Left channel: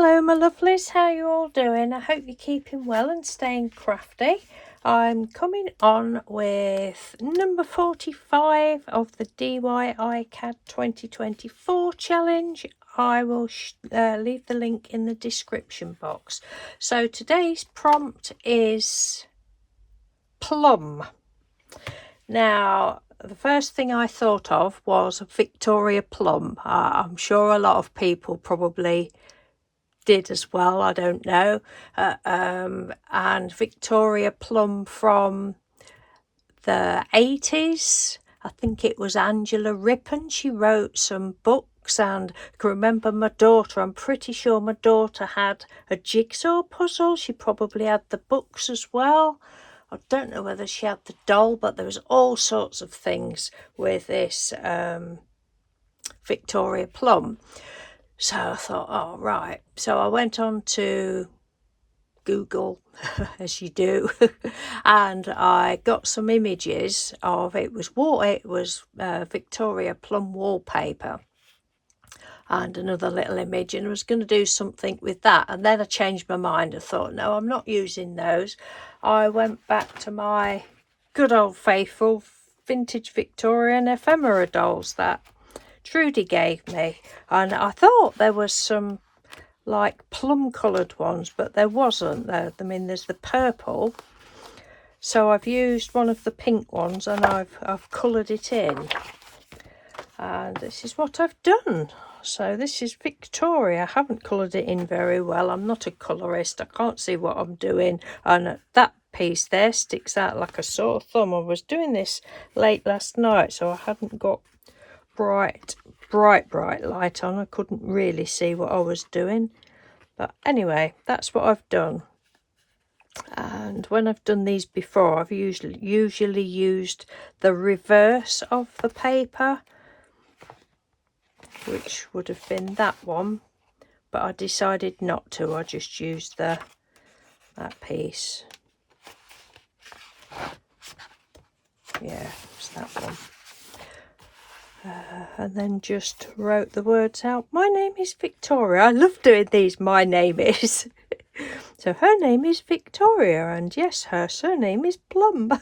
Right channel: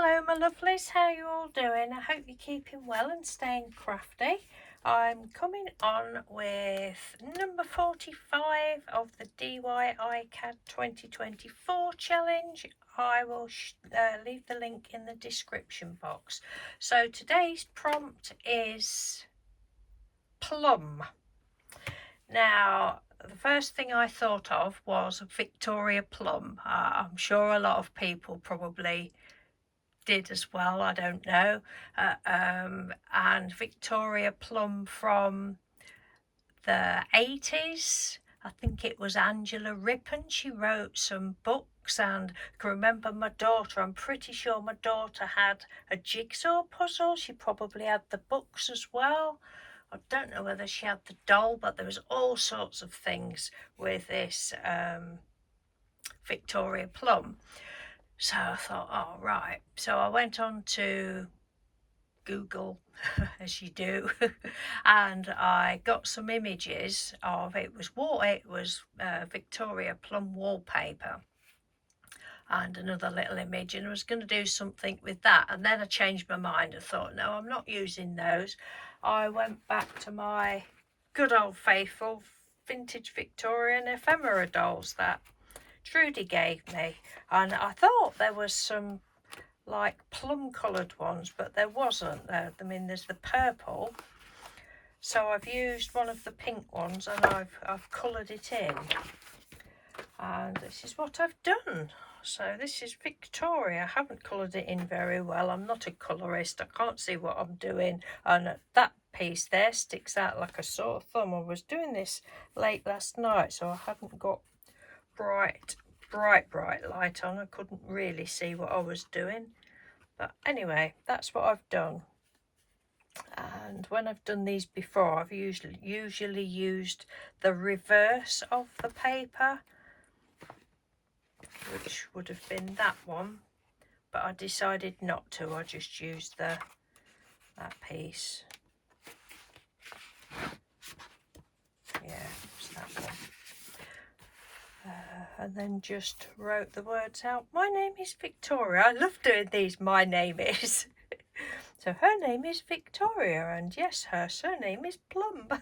Hello my lovelies, how you all doing? I hope you're keeping well and staying crafty. I'm coming on with number 45 of the DIY-CAD 2024 challenge. I will leave the link in the description box. So today's prompt is plum. Now the first thing I thought of was Victoria Plum. I'm sure a lot of people probably did as well, I don't know. And Victoria Plum from the 80s, I think it was Angela Rippon. She wrote some books, and I can remember my daughter, I'm pretty sure my daughter had a jigsaw puzzle. She probably had the books as well. I don't know whether she had the doll, but there was all sorts of things with this Victoria Plum. So I thought, oh, right. So I went on to Google, as you do, and I got some images of, it was Victoria Plum wallpaper, and another little image, and I was going to do something with that. And then I changed my mind. I thought, no, I'm not using those. I went back to my good old faithful vintage Victorian ephemera dolls that Trudy gave me, and I thought there was some like plum coloured ones, but there wasn't. There, I mean, there's the purple, so I've used one of the pink ones and I've coloured it in, and this is what I've done. So this is Victoria. I haven't coloured it in very well. I'm not a colourist. I can't see what I'm doing, and that piece there sticks out like a sore thumb. I was doing this late last night, so I hadn't got bright light on. I couldn't really see what I was doing, but anyway, that's what I've done. And when I've done these before, I've usually used the reverse of the paper, which would have been that one, but I decided not to. I just used that piece. Yeah, it's that one. And then just wrote the words out. My name is Victoria. I love doing these. My name is. So her name is Victoria, and yes, her surname is Plum.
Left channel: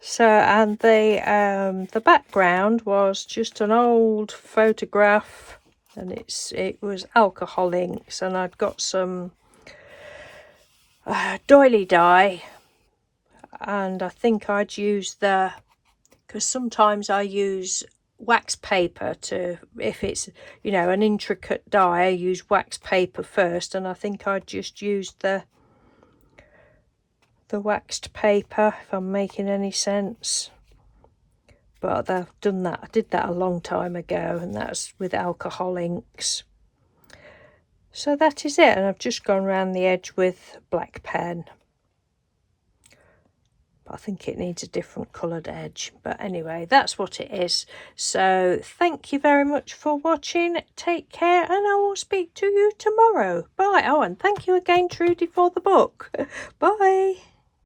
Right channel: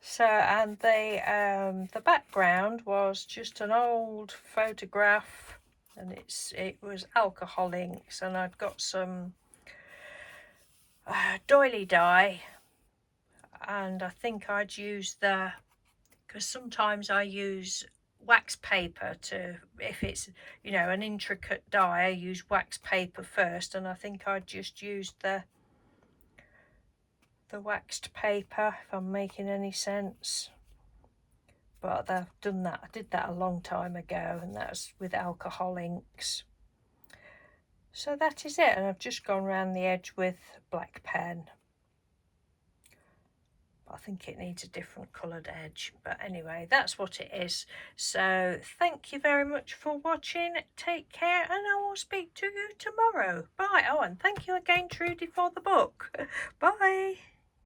So, and the background was just an old photograph, and it was alcohol inks, and I'd got some doily dye, and I think I'd use because sometimes I use wax paper to, if it's, you know, an intricate die, I use wax paper first, and I think I just used the waxed paper, if I'm making any sense. But I've done that, I did that a long time ago, and that's with alcohol inks. So that is it, and I've just gone around the edge with black pen. I think it needs a different coloured edge, but anyway, that's what it is. So thank you very much for watching. Take care, and I will speak to you tomorrow. Bye. Oh, and thank you again, Trudy, for the book. Bye.